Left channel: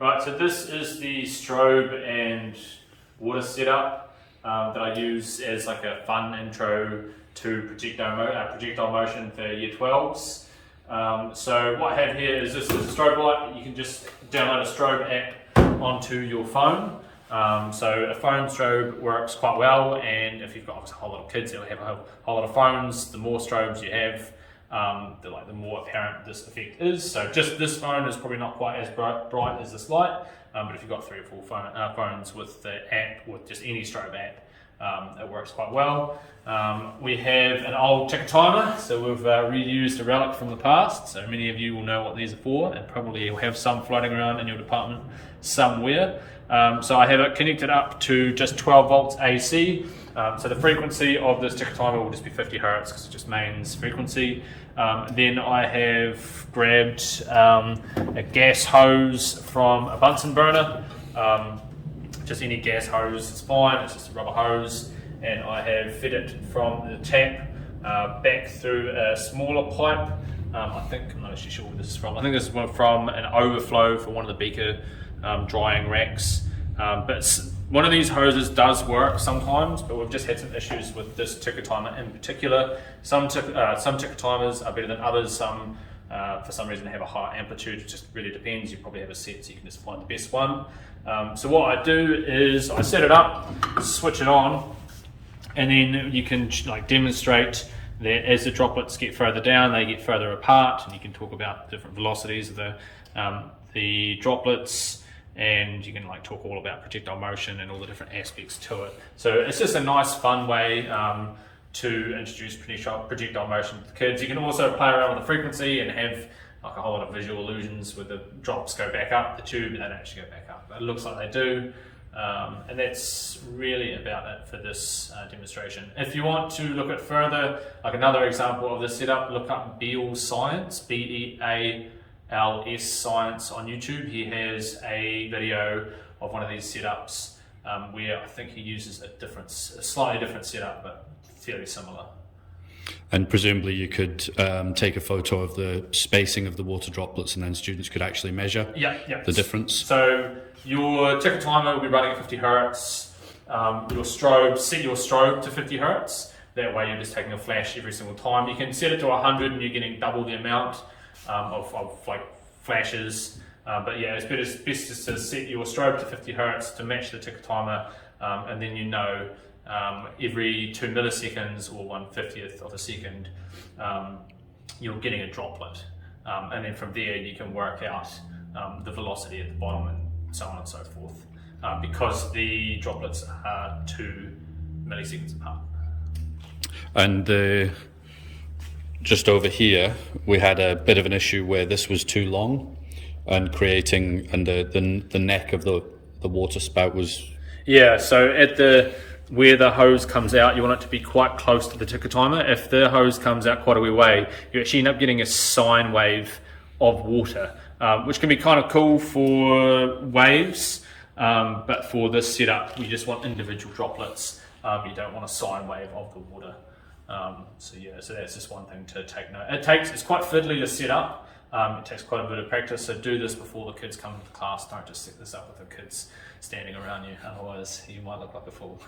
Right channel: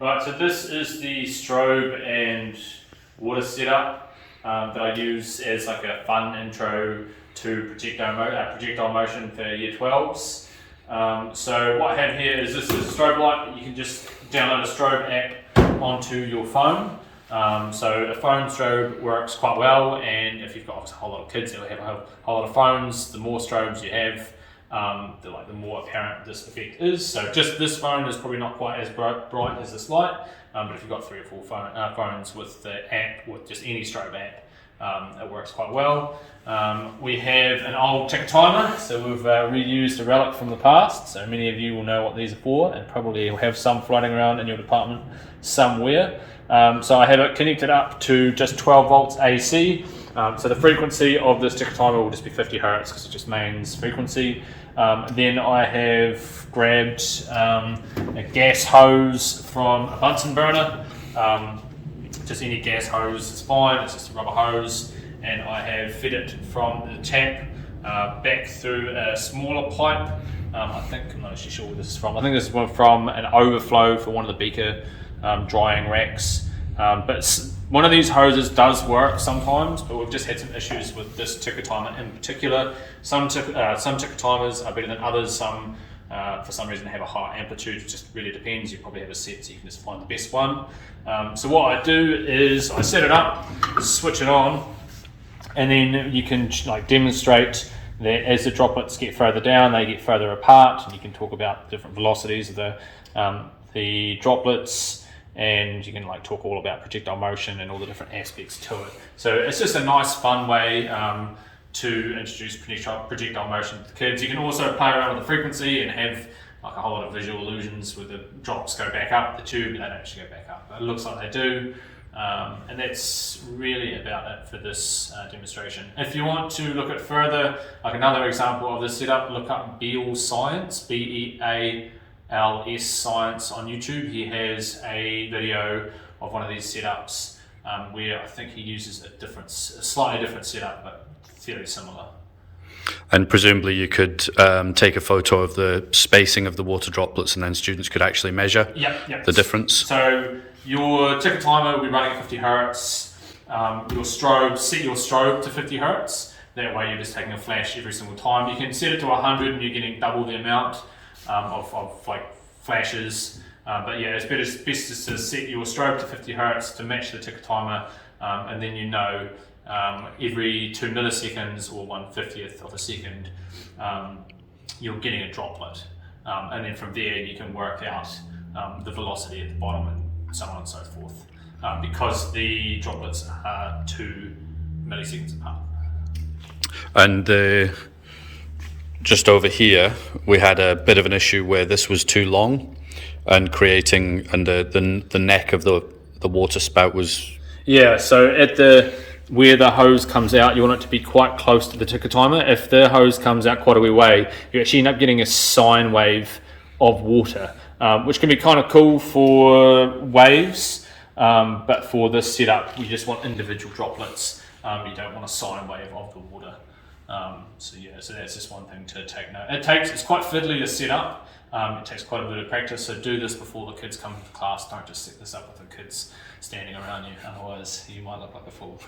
Right, so this is the strobe and water setup that I use as like a fun intro to projectile motion for year 12s. So what I have here is this is a strobe light. You can just download a strobe app onto your phone. So a phone strobe works quite well, and if you've got a whole lot of kids that will have a whole lot of phones, the more strobes you have, the more apparent this effect is. So just this phone is probably not quite as bright as this light, but if you've got 3 or 4 phones with the app, with just any strobe app, it works quite well. We have an old ticker timer, so we've reused a relic from the past, so many of you will know what these are for, and probably will have some floating around in your department somewhere. So I have it connected up to just 12 volts AC. So the frequency of this ticker timer will just be 50 hertz because it's just mains frequency. Then I have grabbed a gas hose from a Bunsen burner. Just any gas hose is fine, it's just a rubber hose. And I have fed it from the tap back through a smaller pipe. I'm not actually sure where this is from. I think this is from an overflow for one of the beaker drying racks. But one of these hoses does work sometimes, but we've just had some issues with this ticker timer in particular. Some ticker timers are better than others. Some, for some reason, have a higher amplitude. It just really depends. You probably have a set, so you can just find the best one. So what I do is I set it up, switch it on, and then you can demonstrate that as the droplets get further down, they get further apart, and you can talk about different velocities of the droplets. And you can talk all about projectile motion and all the different aspects to it. So it's just a nice fun way to introduce projectile motion to the kids. You can also play around with the frequency and have a whole lot of visual illusions where the drops go back up the tube and they don't actually go back up, but it looks like they do. And that's really about it for this demonstration. If you want to look at further, like another example of this setup, look up Beal Science, BEALS Science on YouTube. He has a video of one of these setups where I think he uses a slightly different setup, but fairly similar. And presumably you could take a photo of the spacing of the water droplets, and then students could actually measure the difference. So your ticker timer will be running at 50 hertz. Set your strobe to 50 hertz. That way you're just taking a flash every single time. You can set it to 100 and you're getting double the amount of flashes, but yeah, it's best just to set your strobe to 50 hertz to match the ticker timer, and then every 2 milliseconds or 1/50th of a second, you're getting a droplet, and then from there you can work out the velocity at the bottom and so on and so forth, because the droplets are 2 milliseconds apart. And just over here, we had a bit of an issue where this was too long and the neck of the water spout was... Yeah, so where the hose comes out, you want it to be quite close to the ticker timer. If the hose comes out quite a wee way, you actually end up getting a sine wave of water, which can be kind of cool for waves, but for this setup, we just want individual droplets. You don't want a sine wave of the water. So that's just one thing to take note. It's quite fiddly to set up. It takes quite a bit of practice, so do this before the kids come into class. Don't just set this up with the kids standing around you, otherwise you might look like a fool.